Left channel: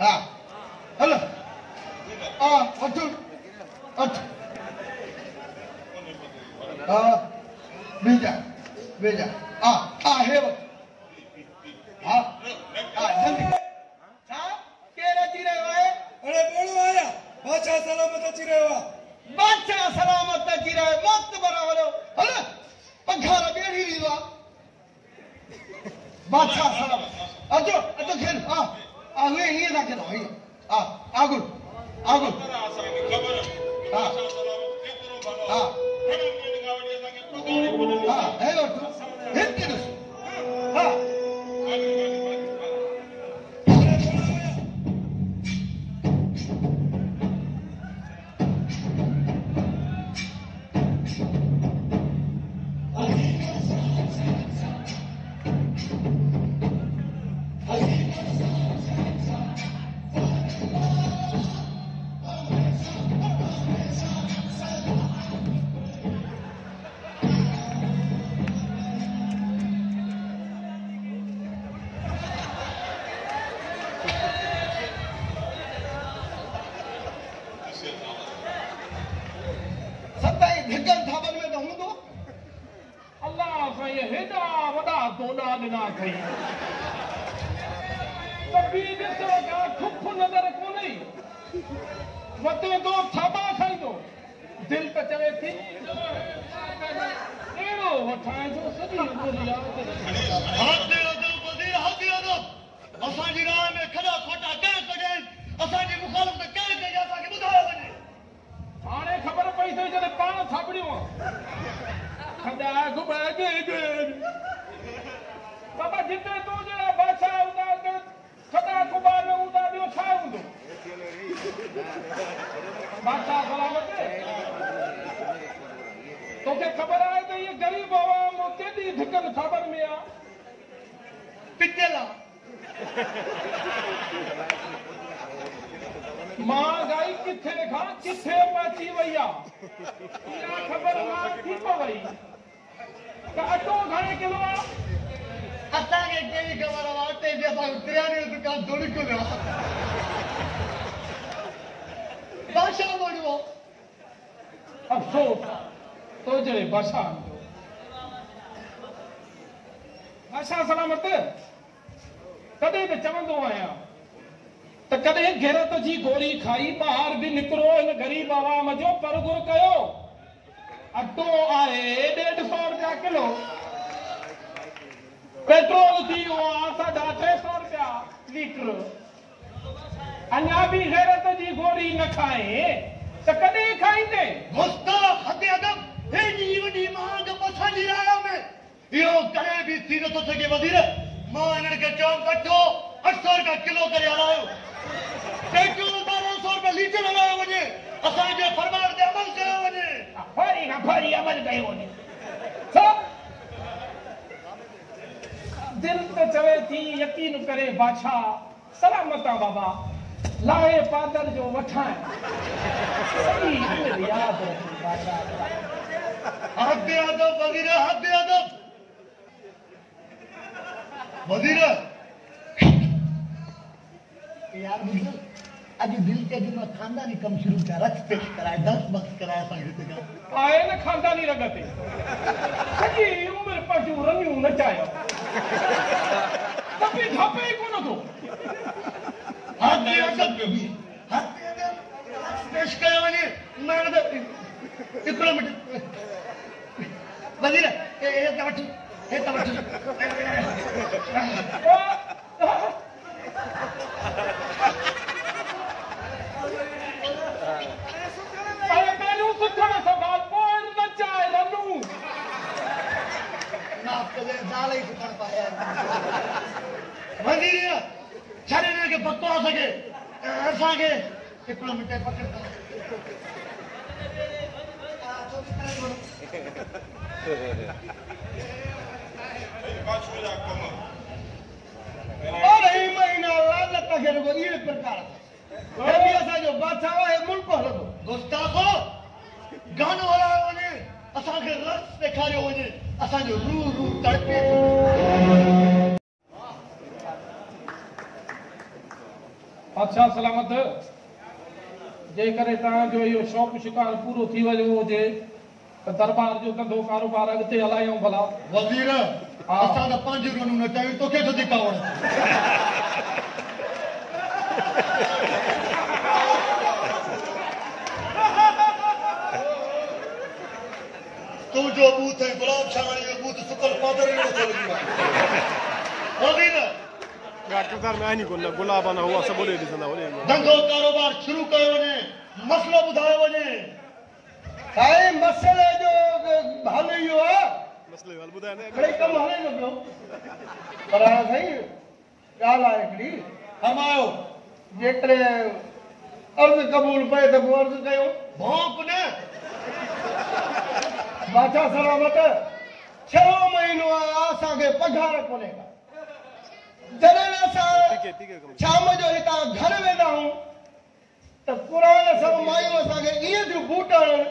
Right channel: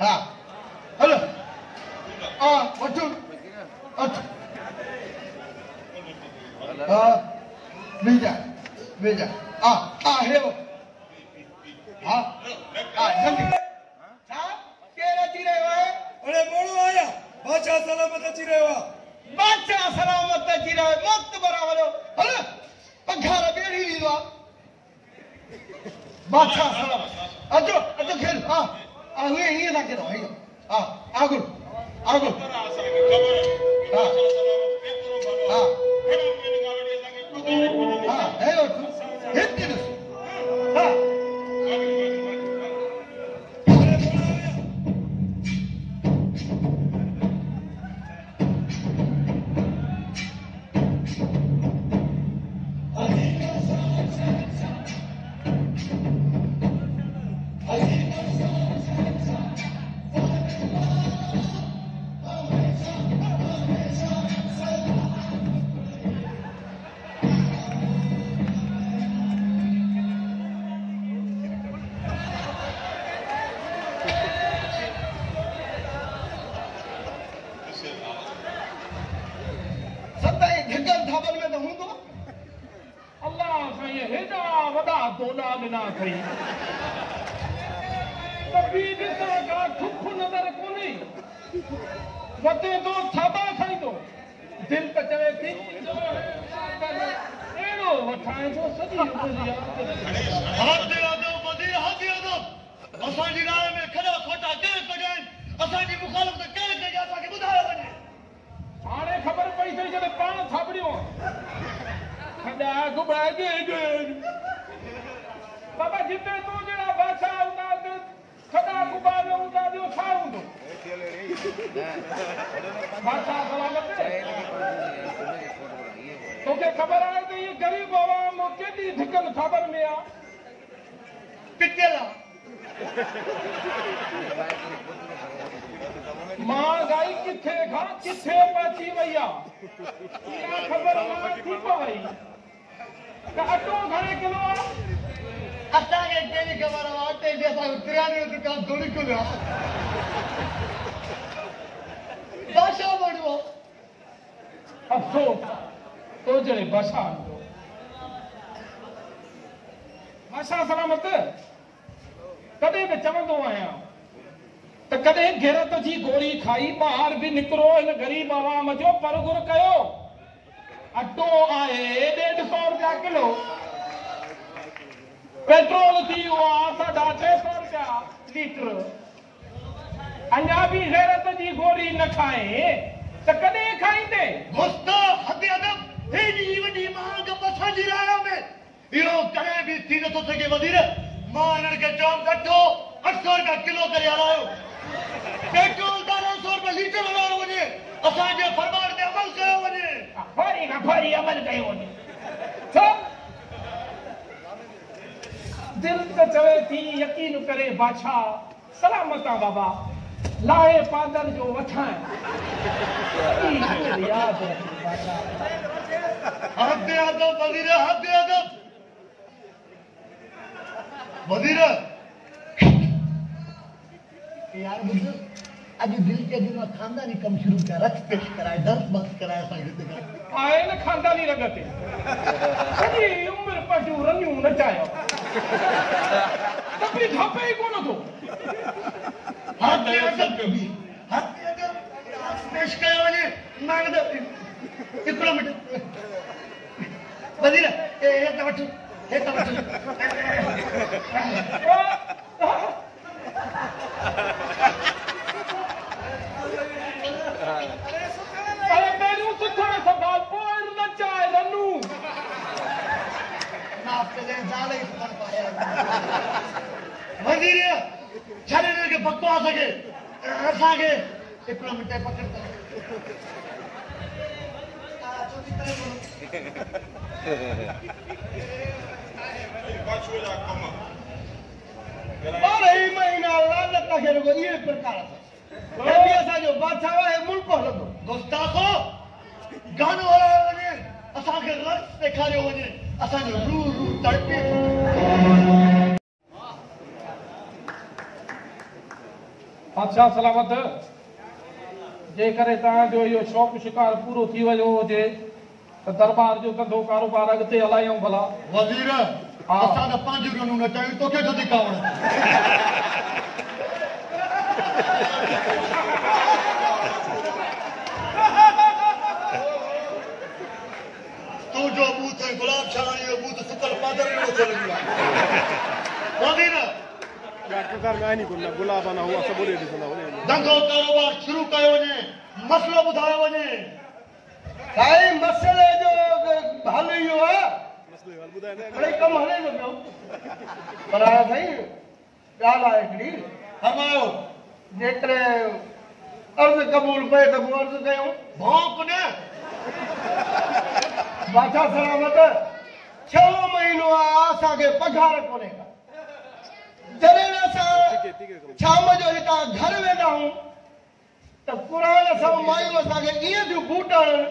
हाँ हेलो भेजा भेजा है वो हाँ जल्दी केरा चिरे हुए अरे बोलो आया बादशाह सलामत चिरे हुआ बादशाह सलामत चिरे हुए मस्त बराबर हेलो पंखा बेड़ी लीवा बादशाह सलामत अतो खेल हाँ आगे ये ना के भाई हाँ आगु हाँ है हिंदी हाँ बादशाह सलामत जेकर तव्हांजो इहो शौक़ु शिकार पूरो थी वियो हुजे त दरबार जो कंदो कारोबार अॻिते हलायूं भला। वज़ीर असां त 5 कानून कयूं तोखे छो थी कावड़ तू जो बूथ है गुलाब शाह जो बूथ सुकल पादर में चल गया वज़ीर गाटूकार में आनी कोल्ला गुलाब ना हुआ सब बोले दिसला वने धंधो कारोबार शुरू कयो वञे मसलो ॿुधायो वञे साईं मसले जो हल इहो आहे मसले हल बुधाए ने बड़े कम हले न पियो पर आहे साईं ॻाल्हि आहे हिकिड़ी फरमायो जेतिरे अर्ज़ क़बूल पए त पोइ अर्ज़ कयूं भौंक न बादशाह सलामत 6 महीनो आहे असांखे पघार कोन्हे का जॾहिं असां शाम जो हितां घर वेंदा आहियूं त क़ुरान सभु मायूं असांखे ईअं थियूं बूट हणनि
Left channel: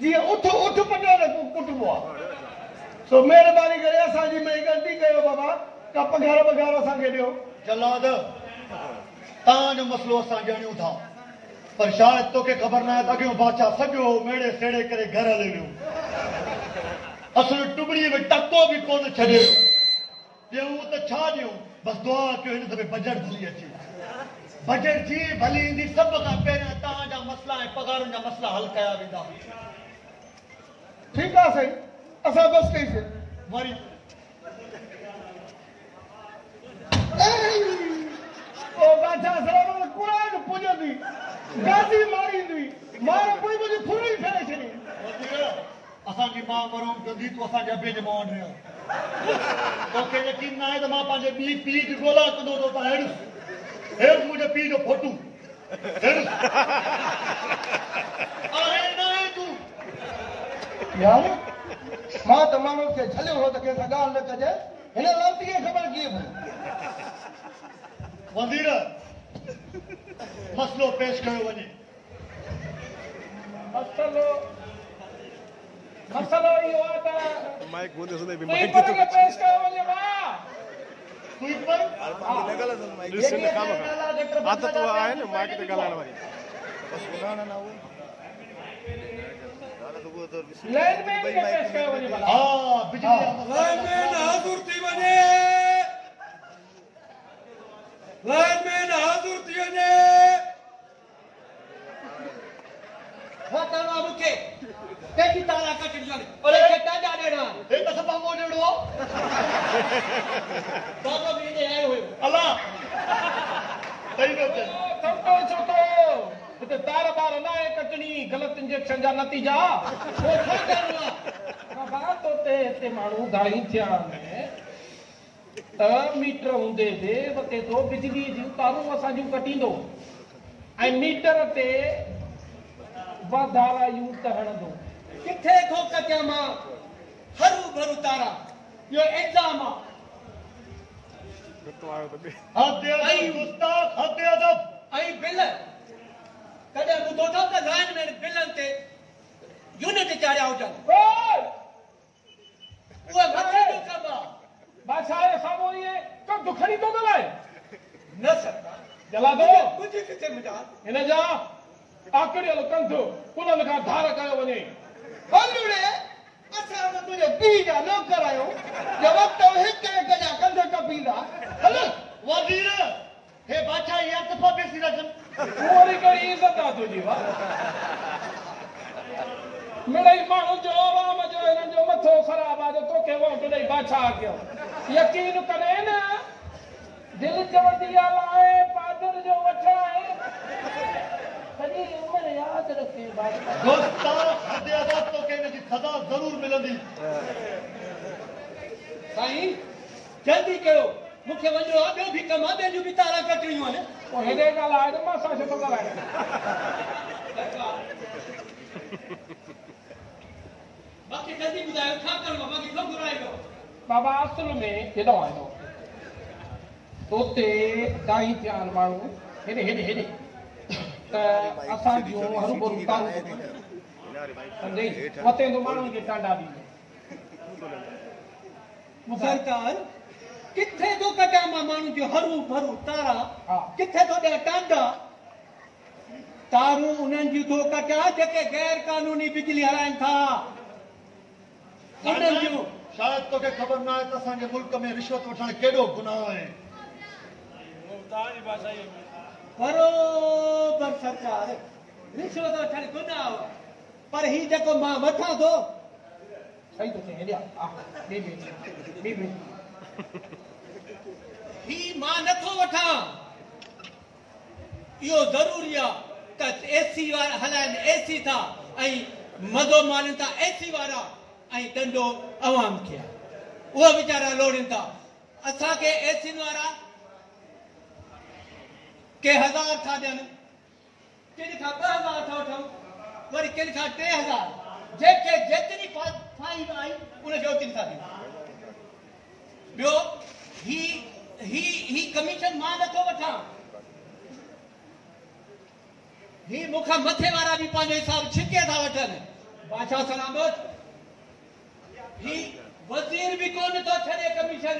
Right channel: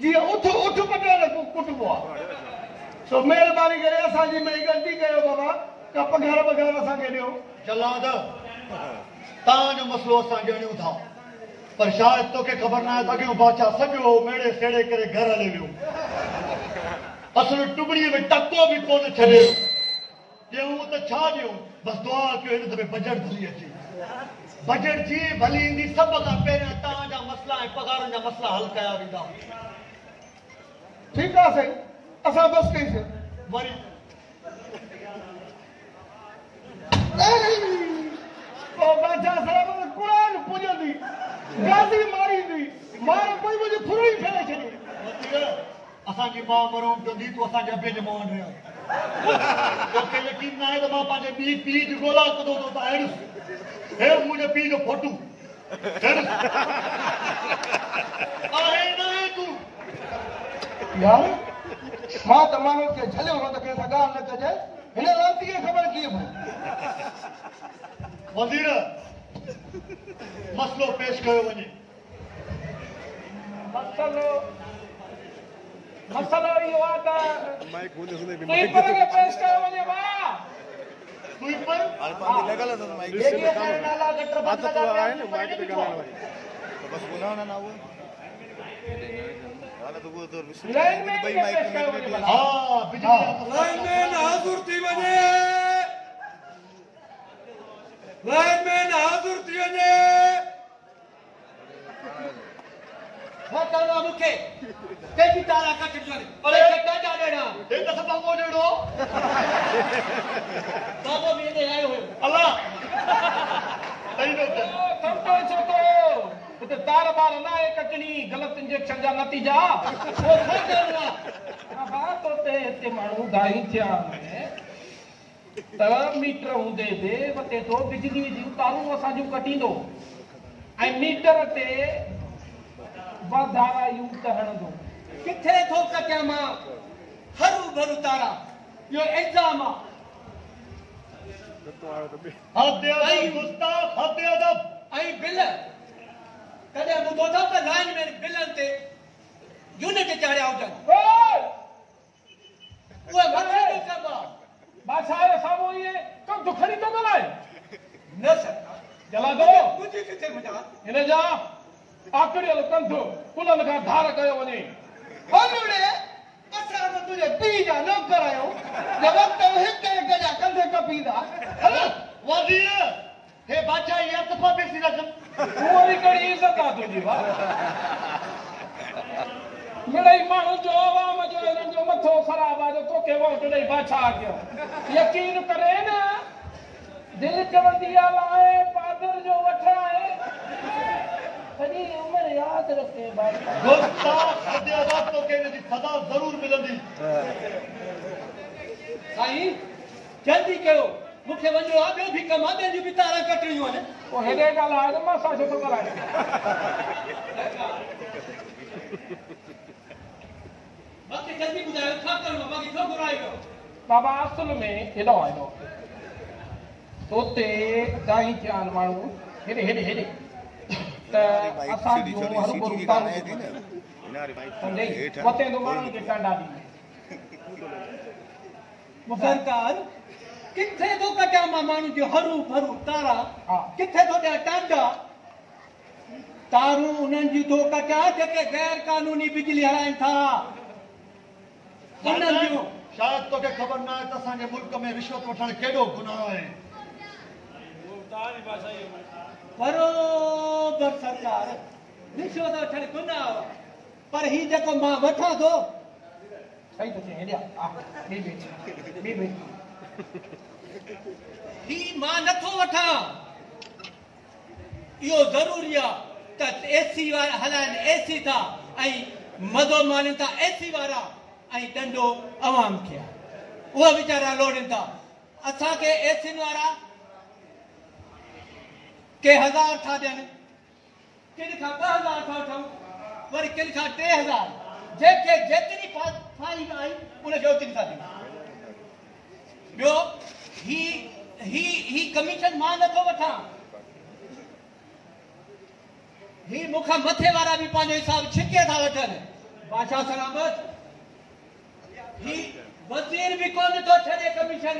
जीअं उठ पटाए कुटबो आहे सो महिरबानी करे असांजी में ग़लती कयो बाबा का पघार असांखे ॾियो जलाद तव्हांजो मसलो असां ॼणियूं था पर शायदि तोखे ख़बर न आहे त अॻियों बादशाह सॼो मेड़े सेड़े करे घर हली वियो असुल टुबड़ीअ में टको बि कोन छॾियो ॾियूं त छा ॾियूं बसि दुआ कयो हिन दफ़े बजट भली अचे बजट जी भली ईंदी सभ खां पहिरियां तव्हांजा मसला ऐं पघारनि जा मसला हल कया वेंदा ठीकु आहे साईं असां बसि कईसीं वरी बादशाह सलामत क़ुरान पुॼंदी गाज़ी मारींदी मार पोइ मुंहिंजी फुड़ी फेरे छॾी असांजी माउ मरूं कंदी तूं असांजे अबे जे मुंहुं वटि तोखे यकीन न आहे त मां पंहिंजे ॿी पीउ जी ॻोल्हा कंदो त तव्हां हेठि मुंहिंजे पीउ जो फोटू आहे न आहे तूं यार मां त माण्हू खे झलियो हो त कंहिं सां ॻाल्हि न कजे हिन लाइ खे ख़बर कीअं पई वज़ीर मसलो पेश कयो वञे मसलो इहो आहे त माइक बोले सुने भी स्वीपर खे पेश कयो वञे वाह स्वीपर बात तो आए ना माइक पे गलाने वाली लाइन में भी पेश कयो वञे हां बिजली लाइन में हाज़िर थी वञे लाइन में हाज़िर थी वञे वो करवा मुखे तेजी तारा का चिड़ियाने अरे क्या जा ॾेड़ा हे त सभु को ॾेड़ो बाबा भी ने आयो हो अल्लाह सही नोट थोटो छोटो हिते तार बार न आहे कटणी ग़लति इंजेक्शन जा नतीजा वो छा करणो आहे बाबा तोते हिते माण्हू दाई थिया त मीटर हूंदे बि वते थो बिजली जी तारूं असांजूं कटींदो ऐं मीटर ते वधारा यूं त हणंदो किथे थो कटिया मां हरू भरू तारा यो एग्जाम आ हद अदब उस्ताद हद अदब आई बिल कदे ॿुधो था त लाइन में बिलन ते यूनिट चाढ़िया हुजनि उहे मथे जो कमु आहे बादशाह जो साम्हूं इहे कंधु खणी थो ॻाल्हाए न सरकार जला दो मुंहिंजी किथे मुंहिंजा हिन जा आकड़ियल कंधु कुलनि खां धार कयो वञे हलुड़े असां त तुंहिंजे पीउ जा नौकर आहियूं जो वक़्तु हिक हिक जा कंध कपींदा हल वज़ीर हे बादशाह ये अतफा बेसी रखन उहो वरी कहिड़ी इज़त आहे तुंहिंजी वाह मिड़ई माण्हू जो आवाम जो हिननि जो मथो ख़राबु आहे जो तोखे वोट ॾेई बादशाह कयो यकीन करे न दिलि चवंदी आहे पादर जो वठाए सॼी उमिरि यादि रखे दोस्ता हद अदब तो के जी सदा जरूर मिलंदी साईं जल्दी कयो मूंखे वञिणो आहे ॿियो बि कमु आहे ॿियनि जूं बि तारा कटणियूं आहिनि पोइ हेॾे ॻाल्हाए त मां छा छो थो ॻाल्हायां बाक़ी जल्दी ॿुधायो छा करिणो आहे बाक़ी छो घुराइणो बाबा असुल में हेॾो आयो हुते दाई थिया आहिनि माण्हू हेॾे हेॾे हेॾे त असांजो हरूभरू सम्झे वते माण्हुनि खे टांडा ॾींदे सरकार किथे तो कटा मां माण्हू जो हरू भरू तारा हा। किथे तो ॾिया टांडा तारूं उन्हनि जी तो कटा जेके गैर कानूनी बिजली हलाइनि था उन्हनि जूं शायद तोखे ख़बर न आहे त असांजे मुल्क में रिश्वत वठणु केॾो गुनाह आहे। बरोबर सरकार रिश्वत वठणु गुनाह पर ही जेको मां वठां थो सही तो चए हेॾिया हा ॿी ही मां नथो वठां इहो ज़रूरी आहे त एसी वारा हलाइनि एसी था ऐं मज़ो माणनि था एसी वारा ऐं ॾंडो अवाम खे आहे उहो वीचारा लोड़नि था असांखे एसियुनि वारा के 1000 था ॾियनि किन खां 2000 था वठूं वरी किन खां 3000 जंहिंखे जेतिरी फाइन आई उनखे ओतिरी था ॾियूं ॿियो ही कमीशन मां नथो वठां ही मूंखां मथे वारा बि पंहिंजो हिसाब छिके था वठनि बादशाह सलामत ही वज़ीर बि कोन थो छॾे कमीशन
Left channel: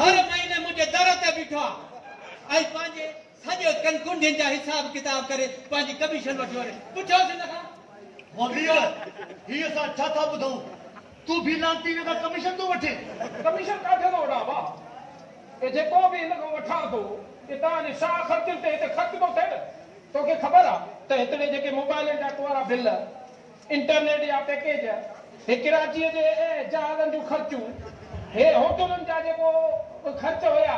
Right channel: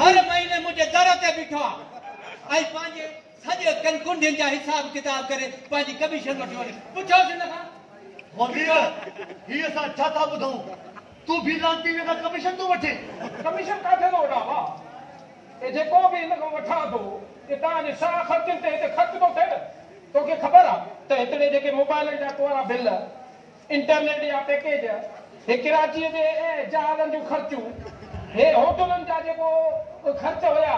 हर महीने मुंहिंजे दर ते बीठो आहे ऐं पंहिंजे सॼे कुंडियुनि जा हिसाब किताब करे पंहिंजी कमीशन वठी वञे पुछोसि हिन खां वज़ीर ही असां छा था ॿुधूं तूं बि लांती में कमीशन तूं वठे कमीशन काथे थो वठां भाउ ए जेको बि हिन खां वठां थो कि तव्हांजे छा ख़र्चनि ते हिते ख़र्च थो थिए तोखे ख़बर आहे त हिते जेके मोबाइल जा वारा बिल इंटरनेट जा पैकेज हे कराचीअ जे जहाज़नि जूं ख़र्चूं हे होटलनि जा जेको ख़र्च हुया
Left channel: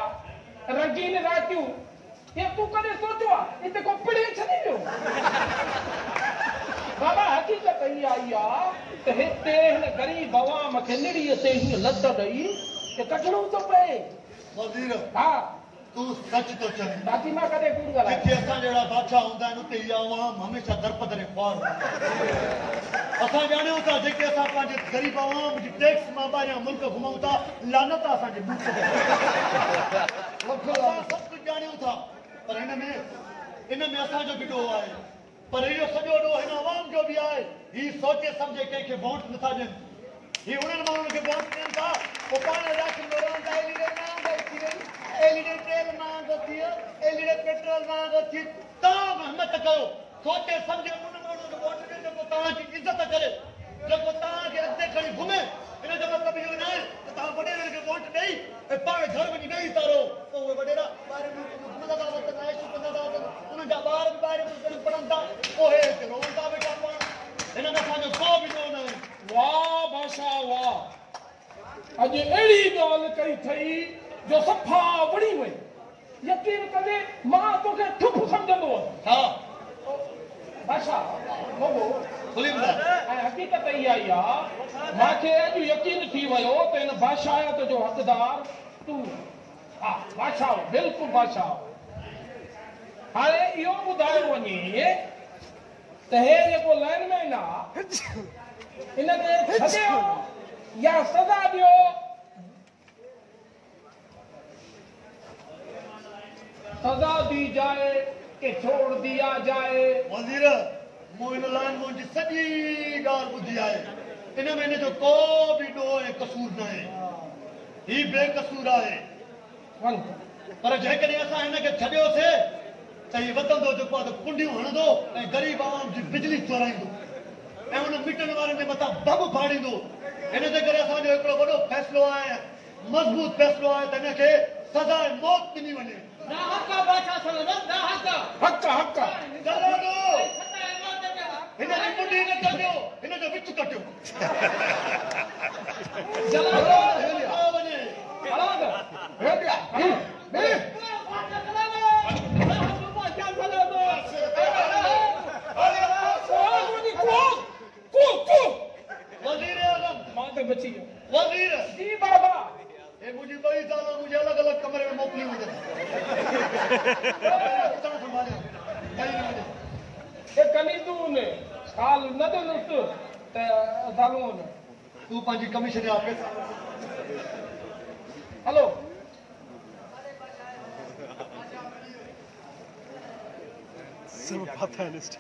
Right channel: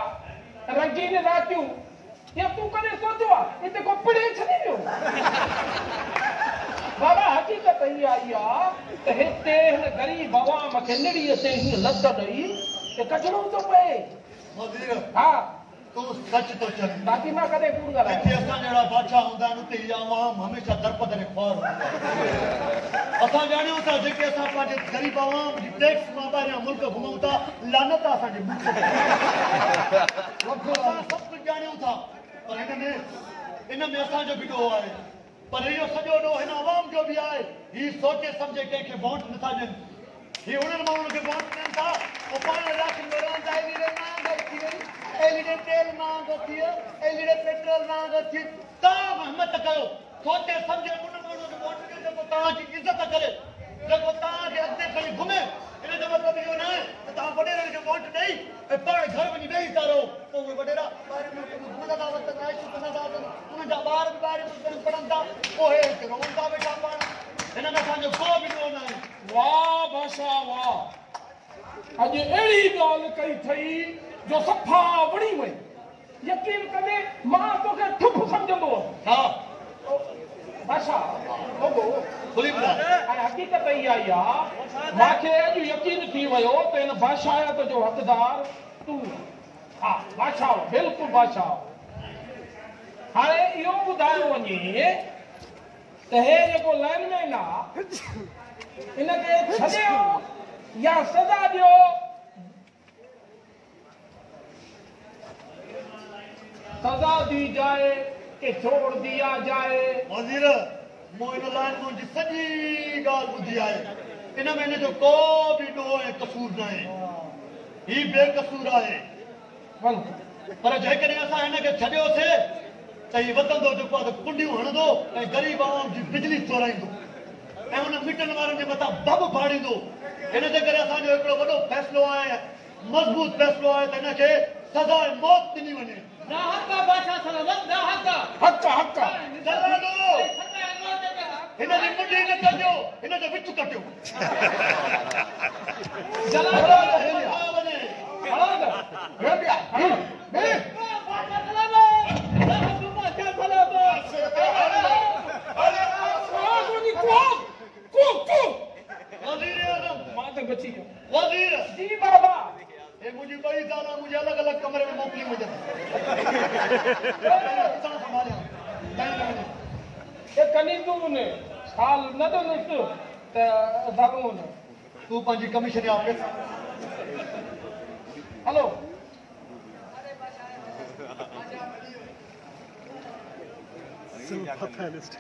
रंगीन रातियूं या तूं कॾहिं सोचियो आहे हिते को पिड़े छॾे पियो बाबा हक़ीक़त ई आई आहे त हिते हिन ग़रीब अवाम खे निड़ीअ ते हीअं लत ॾेई कि कढणो थो पए वज़ीर हा तूं सच थो चए बाक़ी मां कॾहिं कूड़ ॻाल्हायां हिते असां जहिड़ा बादशाह हूंदा आहिनि उते इहा अवाम हमेशह दरपदरे ख्वार असां ॼाणियूं था जेके असां पंहिंजे ग़रीब अवाम जी टैक्स मां ॿाहिरियां मुल्क घुमूं था लानत आहे असांजे मुल्क ते असां सभु कुझु ॼाणियूं था पर हिन में असांजो बि ॾोह आहे पर इहो सॼो ॾोह हिन अवाम जो बि आहे हीउ सोचे सम्झे कंहिंखे वोट नथा ॾियनि हीउ उन्हनि माण्हुनि खे वोट ॾियनि था पोइ पाण इलाइक़नि में रहनि था एलईडी तेल महांगो थी वियो एलईडी पेट्रोल महांगो थी तव्हां हिमत कयो सोचे सम्झे उन माण्हूअ खे वोट ॾियो जेको तव्हांजी इज़त करे जेको तव्हांखे अॻिते खणी घुमे हिन जो मतिलबु इहो न आहे त तव्हां वॾेरनि खे वोट ॾेई ऐं पाण घर वञी वेही था रहो पोइ उहे वॾेरा ॿाहिरि घुमंदा था वठनि ऐशूं कंदा था वठनि उन्हनि जा ॿार बि ॿाहिरि पढ़नि था पोइ हे रोहनि था वेठा पाण हिन में असांजो को बि ॾोह न आहे वाह बादशाह वाह अॼु अहिड़ी ॻाल्हि कई अथई जो सफ़ा वणी वई यकीन कजे मां तोखे ठुप सम्झंदो हा बादशाह बोलो खुली ॿुधाए ऐं हक़ीक़त इहा ई आहे मूंखे अॼु यकीन थी वियो त हिन बादशाहत जो हक़दार तूं हा बादशाह बिल्कुलु बादशाह हाणे इहो ॿुधायो वञे त हे जेको लाइनमैन आहे हिनखे छॾियो या सज़ा ॾियो सज़ा दी जाए कि छोड़ दिया जाए वज़ीर मूं हिन लाइन मुंहिंजी सॼी ॻाल्हि ॿुधी आहे इन में हिन जो को बि ॾोह ऐं कसूर न आहे ही बेकसूर आहे वञ पर जेकॾहिं असां हिनखे छॾियोसीं त हीउ वधंदो जेको आहे त कुंडियूं हणंदो ऐं ग़रीब अवाम जी बिजली चोराईंदो ऐं उन मिटनि वारनि जे मथां बम फाड़ींदो हिन जे करे असांजो हिकिड़ो वॾो फ़ैसिलो आहे मज़बूत फ़ैसिलो आहे त हिनखे सज़ा मौत ॾिनी वञे ना हक़ आहे बादशाह सलामत ना हक़ आहे हक़ हक़ जलालो हिन जी मुंडी न कटियो हिन जो विच कटियो जलालो वञे खड़ो कर हेठि आ खड़ो बे वज़ीर आज़म मां ते बची वियो वज़ीर जी बाबा हे मुंहिंजी ॿई ज़ालां मुंहिंजे अलॻि अलॻि कमरे में मोकिलियूं वञनि संभालिया ॿई न वञे ये कनी तू ने साल न तो नुस्त त दागो न तूं पंहिंजी commission office hello Some fatalist.